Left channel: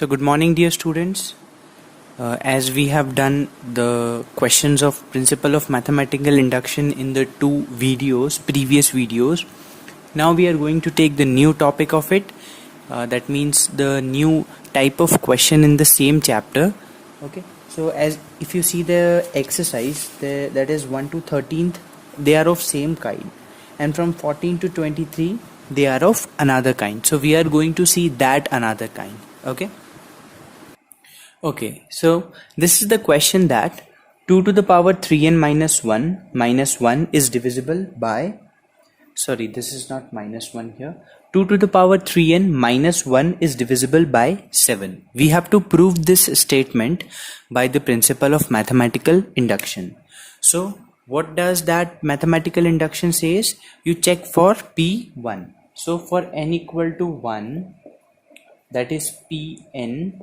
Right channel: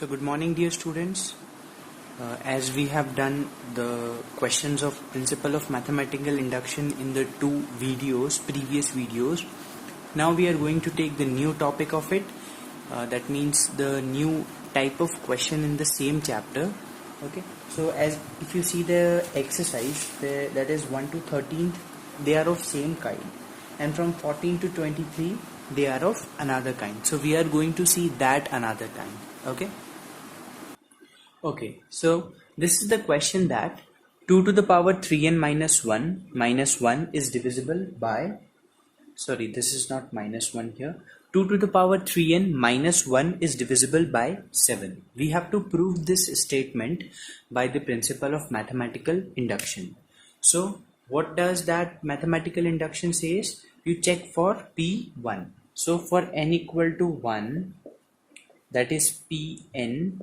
So good morning dear students. As we have done the questions of principle of mathematical induction in the previous videos, now we are going to take the new topic of it. That means the new type of question in the same chapter. Okay. So as if you see the exercise, that is 1 to 13th, they are of same kind, and from 14 to 23 they are of another kind. So we are going to see that another kind. Okay, so this is the question that 2 to the power 3n minus 1 is divisible by, sorry, this is not minus 1 here. 2 to the power 3n minus 1 is divisible by 7. We have to prove this statement by the principle of mathematical induction. So what does that mathematical induction says? You check for P1. So for n equal to 1, that is Pn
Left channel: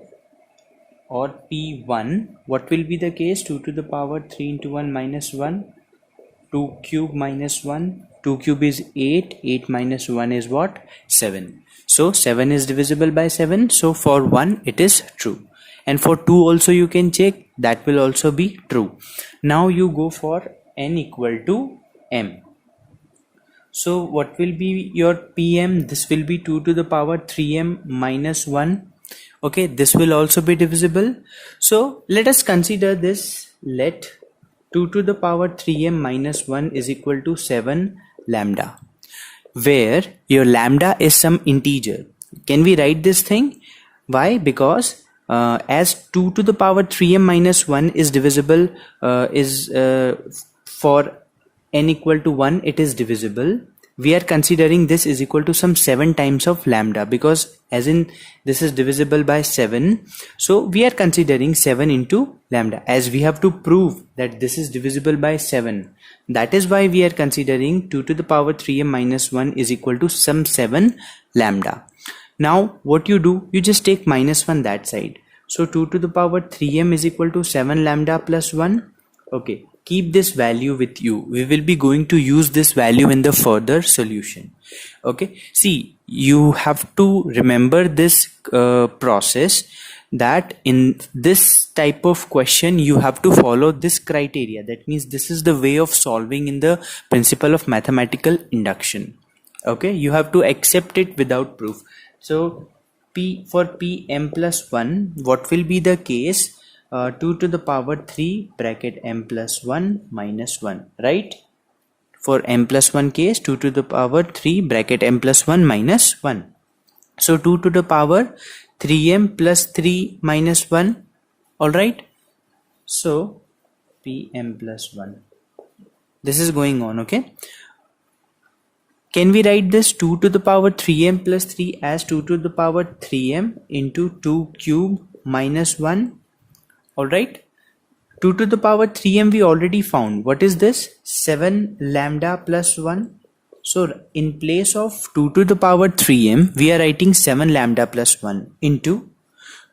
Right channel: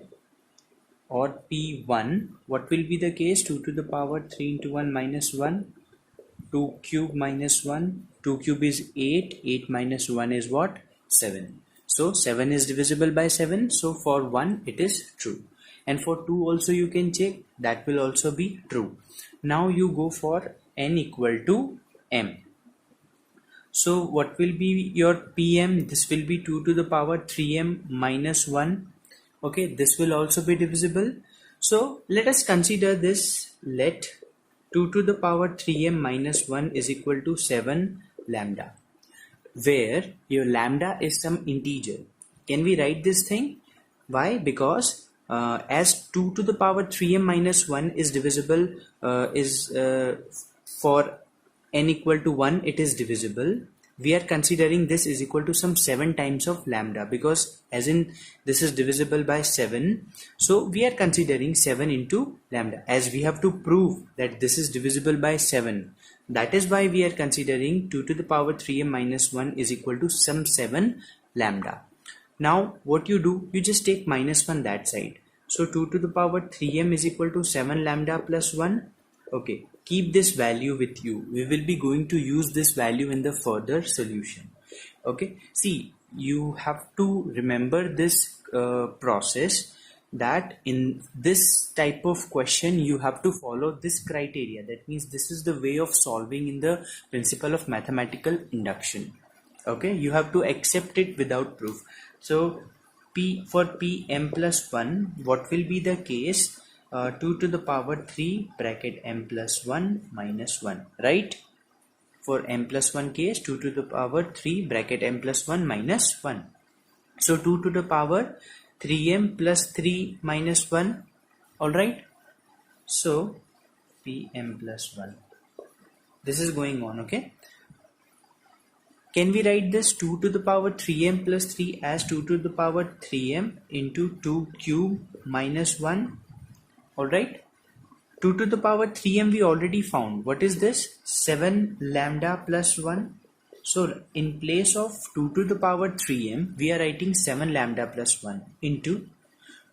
or P1, what will be the case? 2 to the power 3 into 1 minus 1, 2 cube minus 1, 2 cube is 8, 8 minus 1 is what? 7. So 7 is divisible by 7, so for 1 it is true. And for 2 also you can check, that will also be true. Now you go for n equal to m. So what will be your Pm? This will be 2 to the power 3m minus 1. Okay, this will also be divisible. So let us consider this. Let 2 to the power 3m minus 1 is equal to 7 lambda, where your lambda is some integer. Can we write this thing? Why? Because as 2 to the power 3m minus 1 is divisible, for n equal to 1 it is divisible. We are considering this is equal to some 7 times of lambda, because as in this is divisible by 7, so we are considering 7 into lambda, as we have to prove that this is divisible by 7. That is why we are considering 2 to the power 3m minus 1 is equal to some 7 lambda. Now what you do, you just take minus 1 that side. So 2 to the power 3m is equal to 7 lambda plus 1. Okay, keep this value with you. We will be going to use this value in the further solution. Okay, see, you have to remember this process, that in this type of question you have to follow this criteria. That means this is the way of solving in the principle of mathematical induction. Okay, you have to accept it without proof. So for Pm plus 1, what will be the case? 2 to the power 3 bracket m plus 1 minus 1, right? For m plus 1 case, 2 to the power 3 bracket m plus 1 minus 1. So 2 to the power 3m plus 3 minus 1. Alright. So Pm plus 1. This is going on, okay? Can we write this 2 to the power 3m plus 3 as 2 to the power 3m into 2 cube minus 1? Alright, 2 to the power 3m we already found. What is this? 7 lambda plus 1. So in place of 2 to the power 3m, we are writing 7 lambda plus 1 into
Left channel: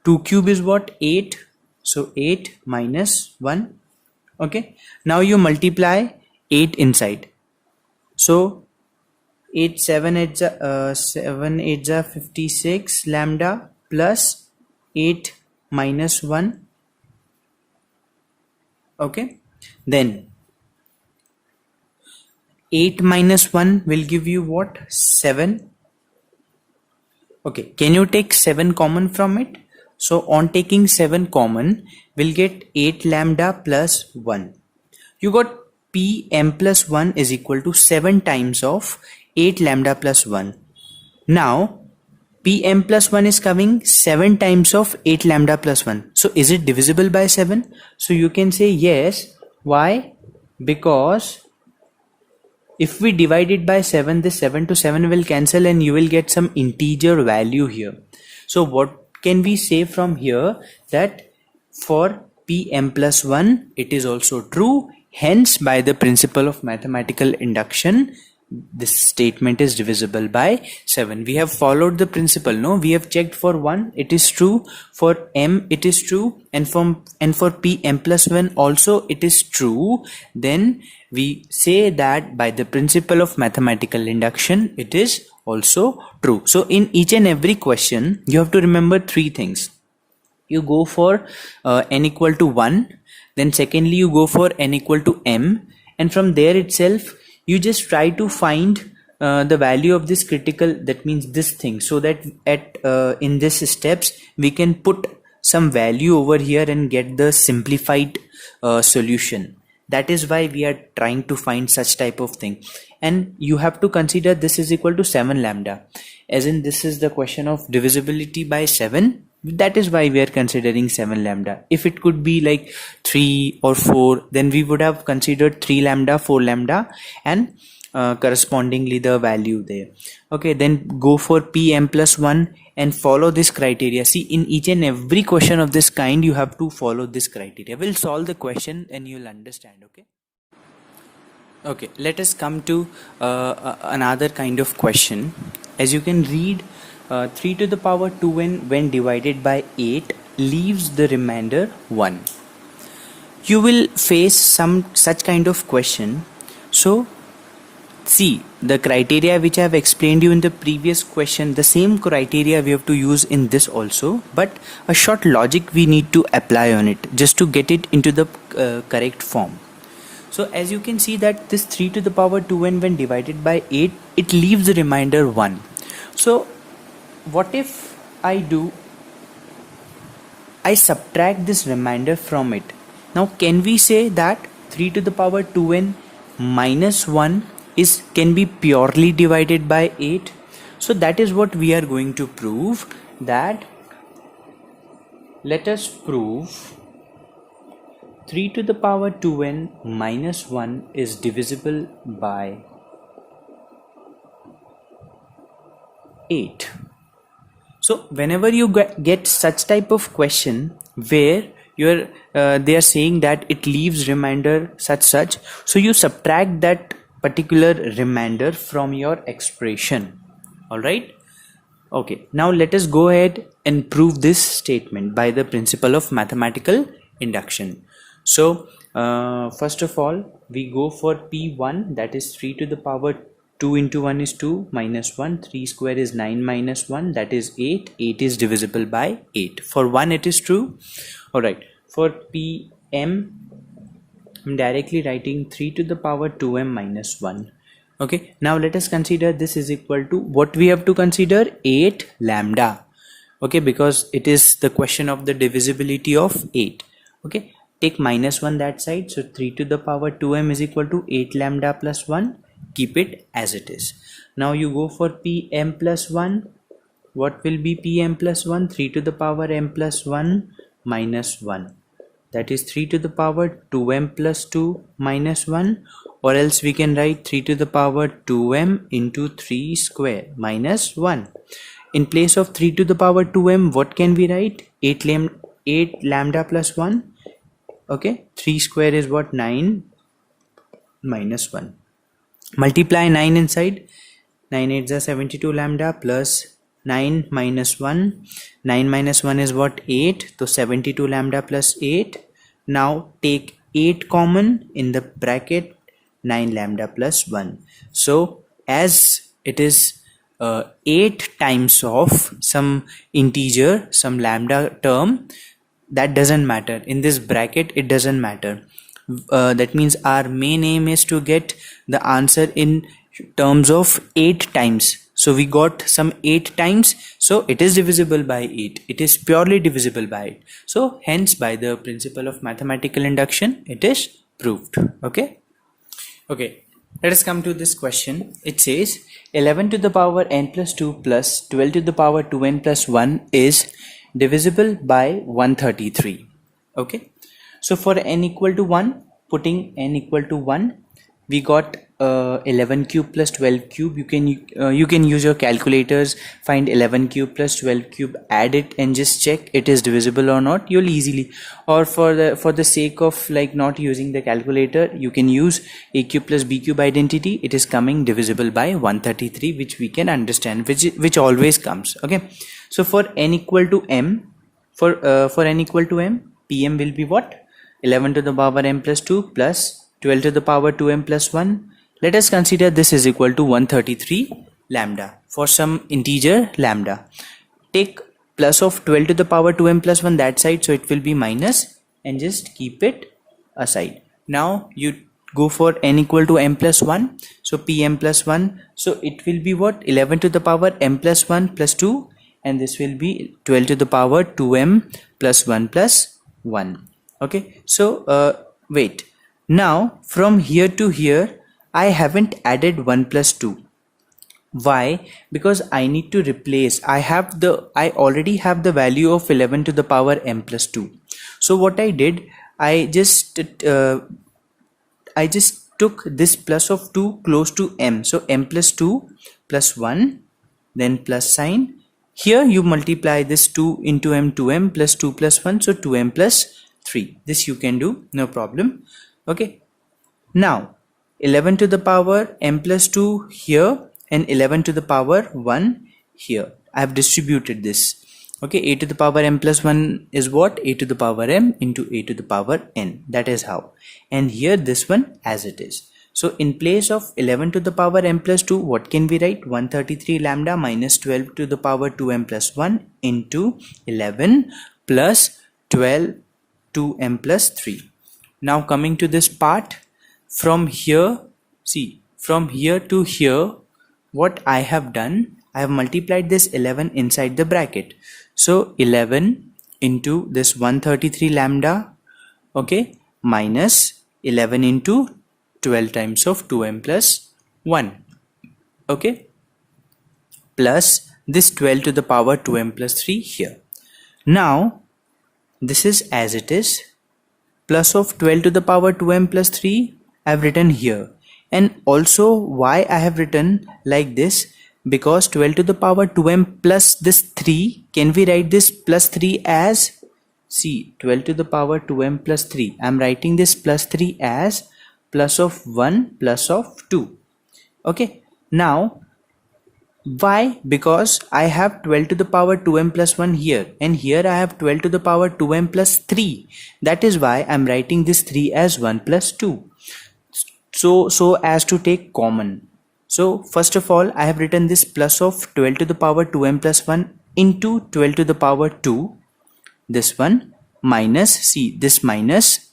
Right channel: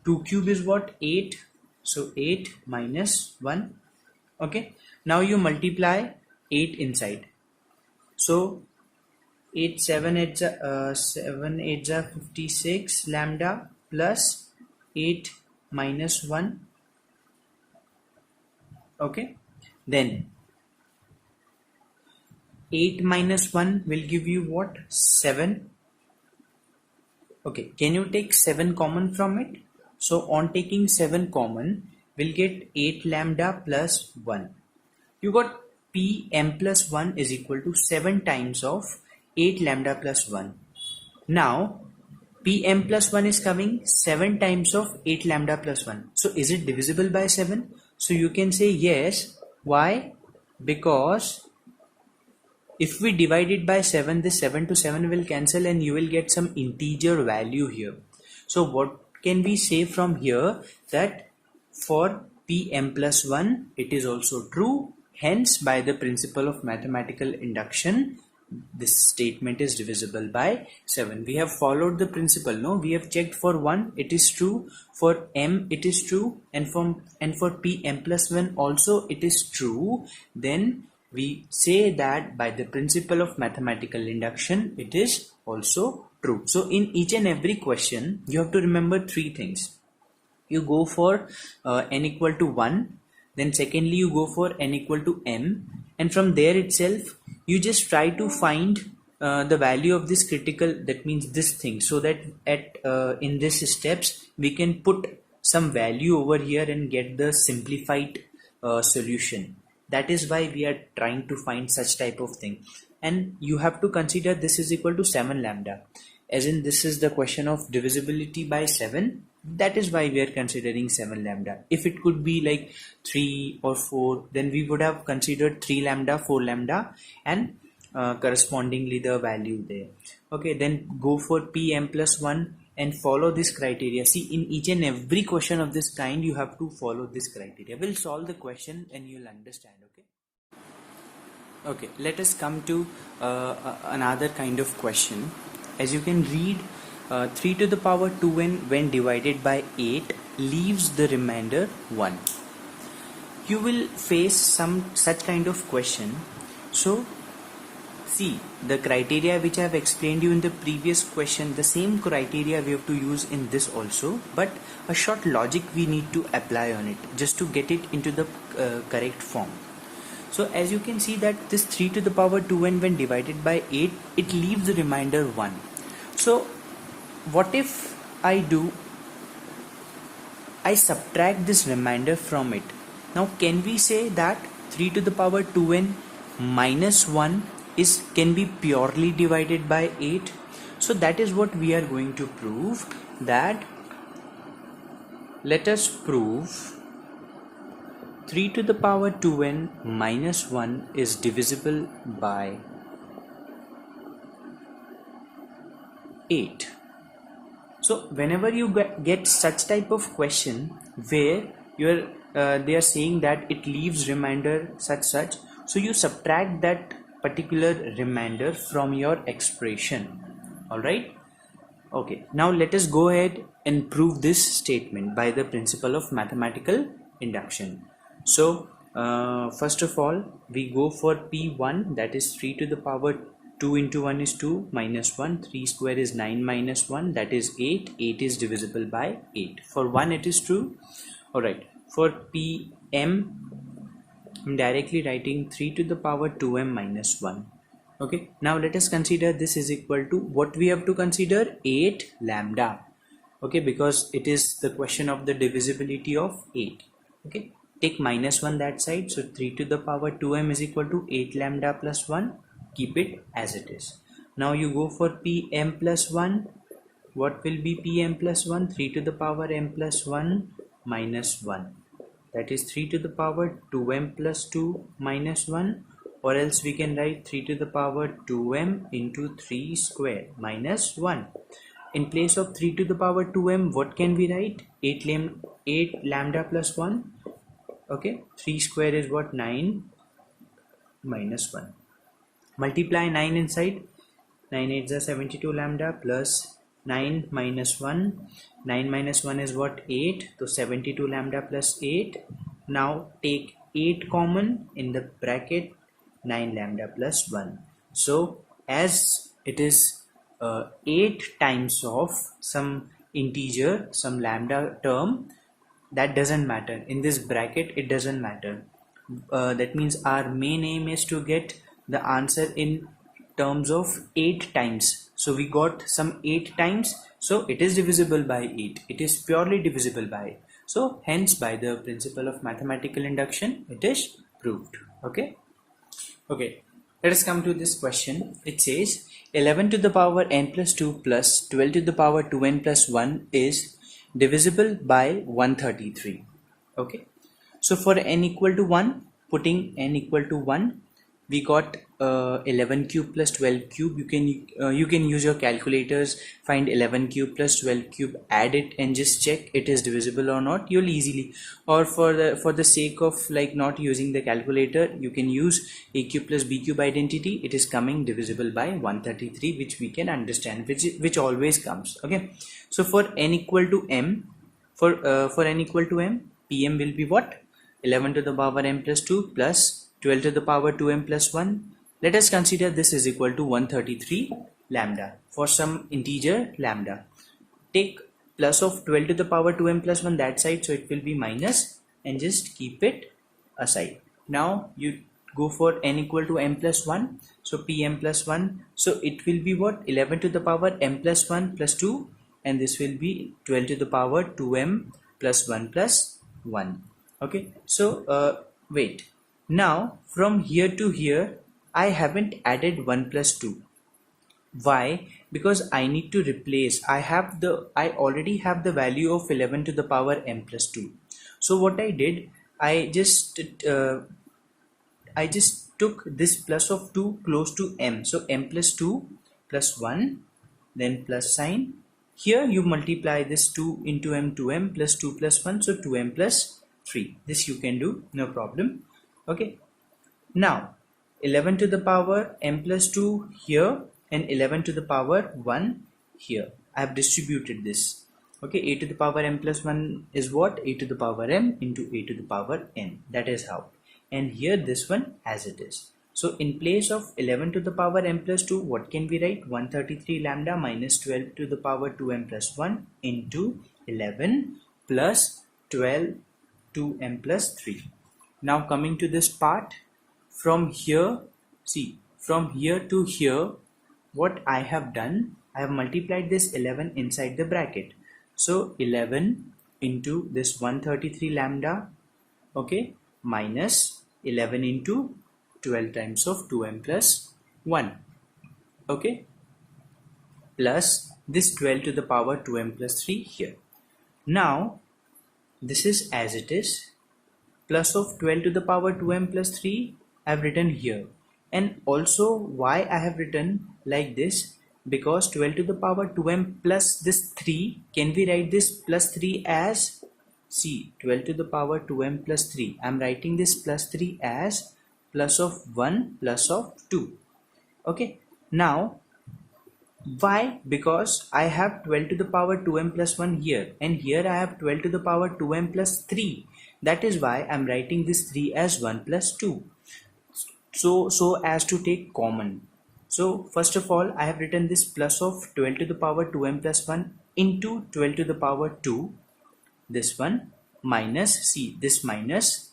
2 cube is what? 8. So 8 minus 1. Okay, now you multiply 8 inside. So 8 7 8 7 8 56 lambda plus 8 minus 1. Okay, then 8 minus 1 will give you what? 7. Okay, can you take 7 common from it? So on taking 7 common, we'll get 8 lambda plus 1. You got Pm plus 1 is equal to 7 times of 8 lambda plus 1. Now Pm plus 1 is coming 7 times of 8 lambda plus 1. So is it divisible by 7? So you can say yes. Why? Because if we divide it by 7, this 7 to 7 will cancel and you will get some integer value here. So what can we say from here? That for Pm plus 1, it is also true. Hence, by the principle of mathematical induction, this statement is divisible by 7. We have followed the principle, no? We have checked for 1, it is true. For m, it is true. And for Pm plus 1 also it is true. Then we say that by the principle of mathematical induction, it is also true. So in each and every question, you have to remember 3 things. you go for n equal to 1, then secondly you go for n equal to m, and from there itself you just try to find the value of this critical, that means this thing, so that at in this steps we can put some value over here and get the simplified solution. That is why we are trying to find such type of thing. And you have to consider this is equal to 7 lambda, as in this is the question of divisibility by 7. That is why we are considering 7 lambda. If it could be like 3 or 4, then we would have considered 3 lambda, 4 lambda, and correspondingly the value there. Okay, then go for pm plus 1 and follow this criteria. See, in each and every question of this kind you have to follow this criteria. We'll solve the question and you'll understand. Okay, let us come to another kind of question. As you can read, 3 to the power 2n when divided by 8 leaves the remainder 1. You will face some such kind of question. So see, the criteria which I have explained you in the previous question, the same criteria we have to use in this also, but a short logic we need to apply on it just to get it into the correct form. So as you can see that this 3 to the power 2n when divided by 8, it leaves the remainder 1. So what if I subtract this remainder from it? Now can we say that 3 to the power 2n minus 1 can be purely divided by 8? So that is what we are going to prove. That let us prove 3 to the power 2n minus 1 is divisible by 8. So whenever you get such type of question where they are saying that it leaves remainder such, so you subtract that particular remainder from your expression. All right. Okay, now let us go ahead and prove this statement by the principle of mathematical induction. So first of all we go for P1, that is 3 to the power 2 into 1 is 2 minus 1, 3 square is 9 minus 1, that is 8. 8 is divisible by 8. For 1 it is true. Alright, for PM I'm directly writing 3 to the power 2m minus 1. Okay, now let us consider this is equal to what we have to consider, 8 lambda. Okay, because it is the question of the divisibility of 8. Okay, take minus 1 that side, so 3 to the power 2m is equal to 8 lambda plus 1. Keep it as it is. Now you go for Pm plus 1. What will be Pm plus 1? 3 to the power m plus 1 minus 1. That is 3 to the power 2m plus 2 minus 1, or else we can write 3 to the power 2m into 3 square minus 1. In place of 3 to the power 2m, what can we write? 8 lambda plus 1. Okay, 3 square is what? 9 minus 1. Multiply 9 inside. 9 8s are 72 lambda plus 9 minus 1. 9 minus 1 is what? 8. So 72 lambda plus 8. Now take 8 common in the bracket, 9 lambda plus 1. So as it is 8 times of some integer, some lambda term, that doesn't matter. In this bracket it doesn't matter. That means our main aim is to get the answer in terms of 8 times. So we got some 8 times, so it is divisible by 8. It is purely divisible by 8. So hence by the principle of mathematical induction it is proved. Okay, let us come to this question. It says 11 to the power n plus 2 plus 12 to the power 2n plus 1 is divisible by 133. Okay, so for n equal to 1, putting n equal to 1, we got 11 cube plus 12 cube. You can use your calculators, find 11 cube plus 12 cube, add it and just check it is divisible or not. You'll easily, or for the sake of like not using the calculator, you can use a cube plus b cube identity. It is coming divisible by 133, which we can understand, which always comes. Okay, so for n equal to m, for n equal to m, Pm will be what? 11 to the power m plus 2 plus 12 to the power 2m plus 1. Let us consider this is equal to 133 lambda for some integer lambda. Take plus of 12 to the power 2m plus 1 that side, so it will be minus, and just keep it aside. Now you go for n equal to m plus 1, so pm plus 1, so it will be what, 11 to the power m plus 1 plus 2, and this will be 12 to the power 2m plus 1 plus 1. Okay, so wait, now from here to here I haven't added 1 plus 2. Why? Because I need to replace, I already have the value of 11 to the power m plus 2. So what I did, I just took this plus of 2 close to m, so m plus 2 plus 1, then plus sign. Here you multiply this 2 into m, 2m plus 2 plus 1, so 2m plus 3. This you can do, no problem. Okay, now 11 to the power m plus 2 here, and 11 to the power 1 here. I have distributed this. Okay, a to the power m plus 1 is what? A to the power m into a to the power n. That is how. And here this one as it is. So in place of 11 to the power m plus 2, what can we write? 133 lambda minus 12 to the power 2m plus 1 into 11 plus 12 2m plus 3. Now coming to this part, from here, see, from here to here, what I have done, I have multiplied this 11 inside the bracket. So 11 into this 133 lambda, okay, minus 11 into 12 times of 2m plus 1, okay, plus this 12 to the power 2m plus 3 here. Now this is as it is, plus of 12 to the power 2m plus 3 I have written here. And also why I have written like this, because 12 to the power 2m plus this 3, can we write this plus 3 as, see, 12 to the power 2m plus 3, I am writing this plus 3 as plus of 1 plus of 2. Okay, now why? Because I have 12 to the power 2m plus 1 here, and here I have 12 to the power 2m plus 3. That is why I am writing this 3 as 1 plus 2. So as to take common. So first of all, I have written this plus of 12 to the power 2m plus 1 into 12 to the power 2, this one, minus, see, this minus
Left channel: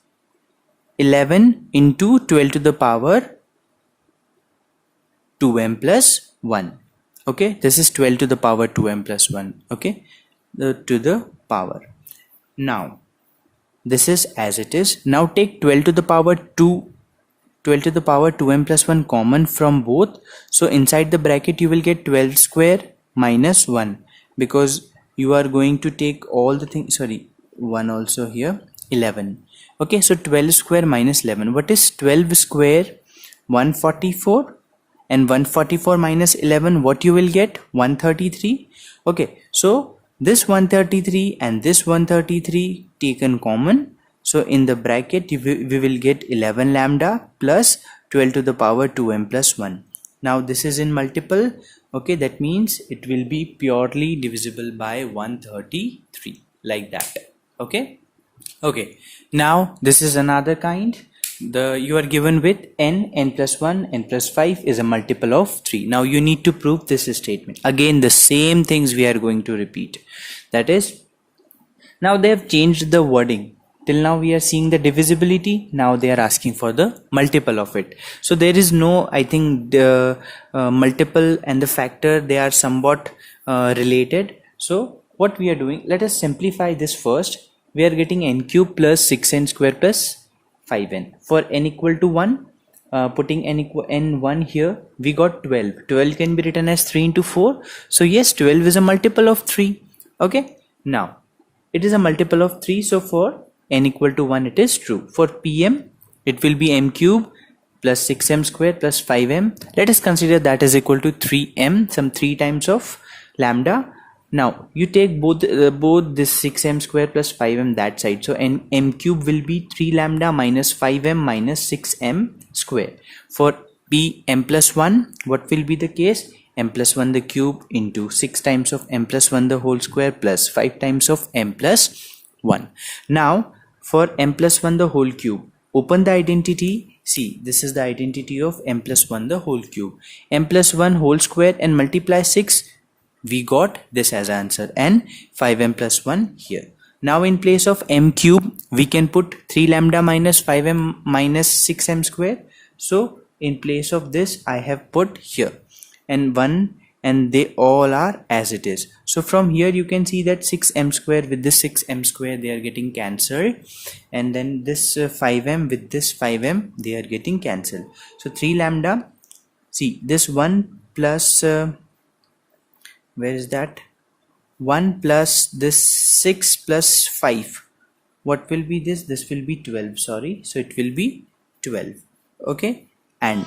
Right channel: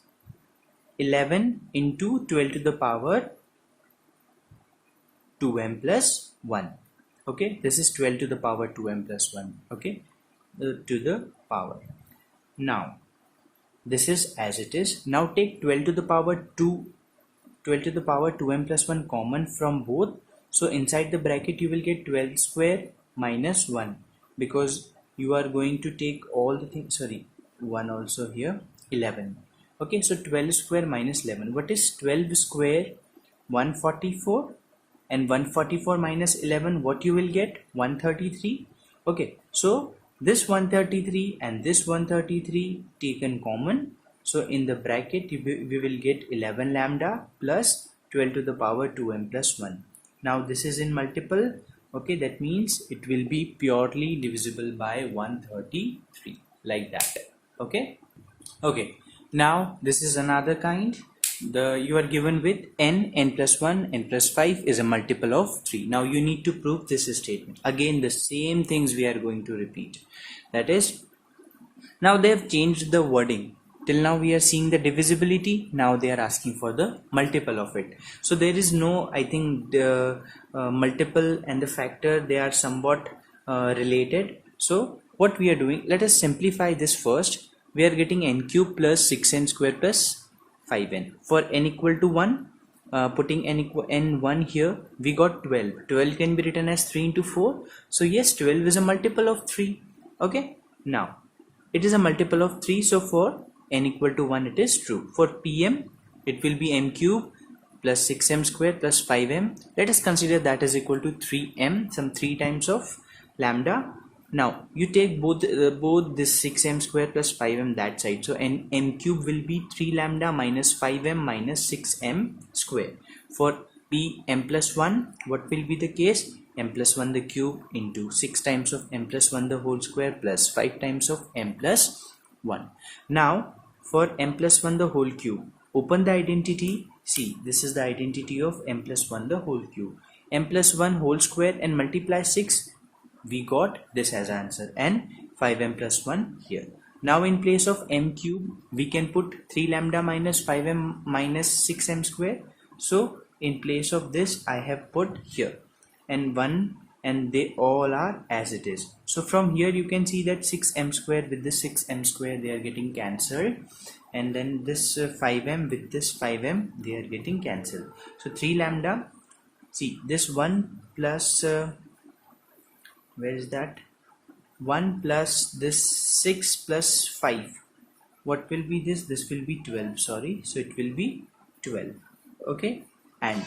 11 into 12 to the power 2m plus 1. Okay, this is 12 to the power 2m plus 1. Okay, to the power. Now this is as it is. Now take 12 to the power 2m plus 1 common from both. So inside the bracket you will get 12 square minus 1, because you are going to take all the things, sorry, 1 also here, 11. Okay, so 12 square minus 11. What is 12 square? 144. And 144 minus 11, what you will get? 133. Okay, so this 133 and this 133 taken common. So in the bracket we will get 11 lambda plus 12 to the power 2m plus 1. Now this is in multiple. Okay, that means it will be purely divisible by 133, like that. Okay, now this is another kind. You are given with n plus 1, n plus 5 is a multiple of 3. Now you need to prove this statement. Again, the same things we are going to repeat. That is, now they have changed the wording. Till now we are seeing the divisibility. Now they are asking for the multiple of it. So there is no, I think the multiple and the factor, they are somewhat related. So what we are doing, let us simplify this first. We are getting n cube plus 6n square plus 5n. For n equal to 1, putting n1 here, we got 12. 12 can be written as 3 into 4. So yes, 12 is a multiple of 3. Okay, now it is a multiple of 3. So for n equal to 1, it is true. For pm, it will be m cube plus 6m square plus 5m. Let us consider that is equal to 3m, some 3 times of lambda. Now you take both this 6m square plus 5m that side. So m cube will be 3 lambda minus 5m minus 6m square. For p m plus 1, what will be the case? M plus 1 the cube into 6 times of m plus 1 the whole square plus 5 times of m plus 1. Now for m plus 1 the whole cube, open the identity. See, this is the identity of m plus 1 the whole cube. M plus 1 whole square and multiply 6. we got this as answer, and 5m plus 1 here. Now in place of m cube, we can put 3 lambda minus 5m minus 6m square. So in place of this, I have put here, and 1, and they all are as it is. So from here you can see that 6m square with this 6m square, they are getting cancelled, and then this 5m with this 5m, they are getting cancelled. So 3 lambda, see this 1 plus where is that, 1 plus this 6 plus 5, what will be this? This will be 12, sorry, so it will be 12. Okay, and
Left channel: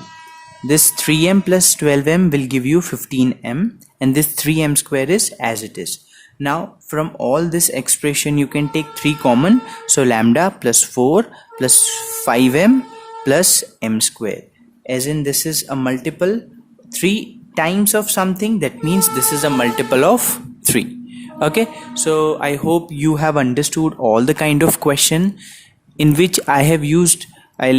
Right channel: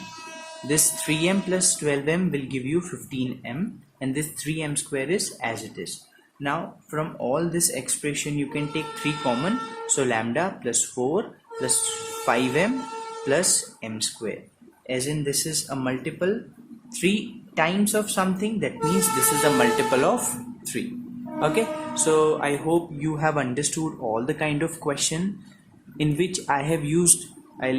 this 3m plus 12m will give you 15m, and this 3m square is as it is. Now from all this expression you can take 3 common, so lambda plus 4 plus 5m plus m square, as in this is a multiple 3 times of something, that means this is a multiple of 3. Okay, so I hope you have understood all the kind of question in which I have used, I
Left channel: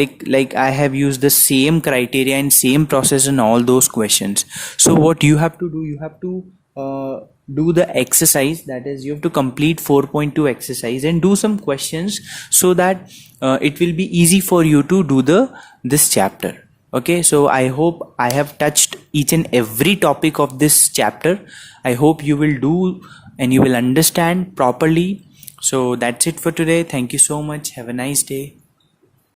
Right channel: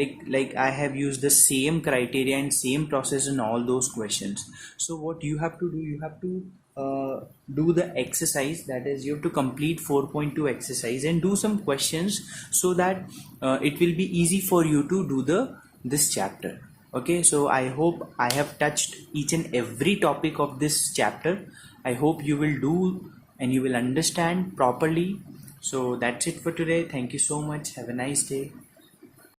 have used the same criteria and same process in all those questions. So what you have to do, you have to do the exercise, that is you have to complete 4.2 exercise and do some questions, so that it will be easy for you to do this chapter. Okay, so I hope I have touched each and every topic of this chapter. I hope you will do and you will understand properly. So that's it for today. Thank you so much. Have a nice day.